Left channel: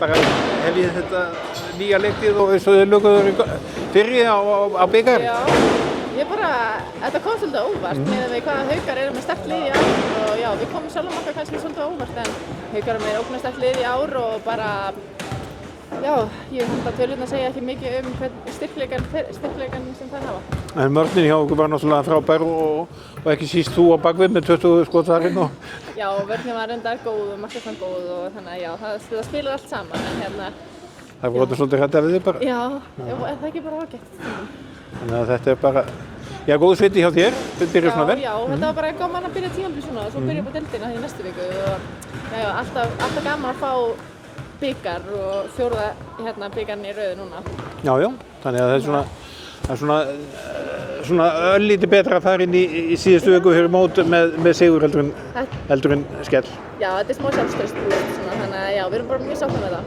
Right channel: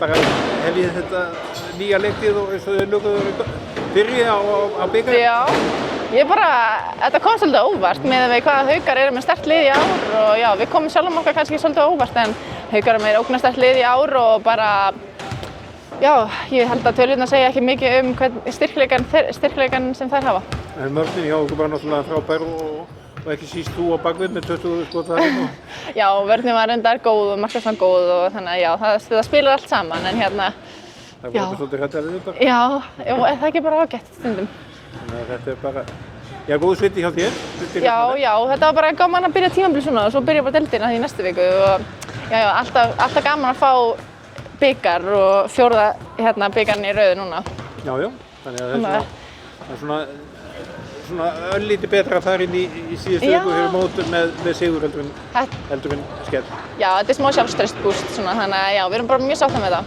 bara hef ég þetta nýja leiktið og eins og þeir löguður fyrri á bikar. Já, þetta kom svolítið óvart með hvaða Haukar eru með sterkt lið í ár og já, við komum sjálfum okkar kannski svolítið óvart en Haukar eru með ógnarsterkt lið í ár og bara, já, ég held að tölurnar segja ekki mikið styrkleikan sem þær hafa. En vörnin hjá okkur var náttúrulega frábær og ekki síst þú á bakvið með 20 skot þarinn og... Já, vörnin var reyndar góð og markvarslan góð og þannig að já, það spilar allt saman en hérna... Það voru svolítið hræddar við þig bara. Já, er það ekki bara ágætt stundum? Þannig að þetta bara, já, góð sviti hjá þér, Já, þetta var bara gaman að byrja tímabil svona og svo byrja bara deildina í næstu viku og já, alltaf gaman að fá bikar og fjórða bikarinn í röðu núna. Já, þannig að það er svona örlítið betra að fara inn í síðustu viku fyrir mót með sigur heldur en skell. Já, þetta er smá sjálfstressbúst svona, þannig að já, við erum bara mjög sáttar með það.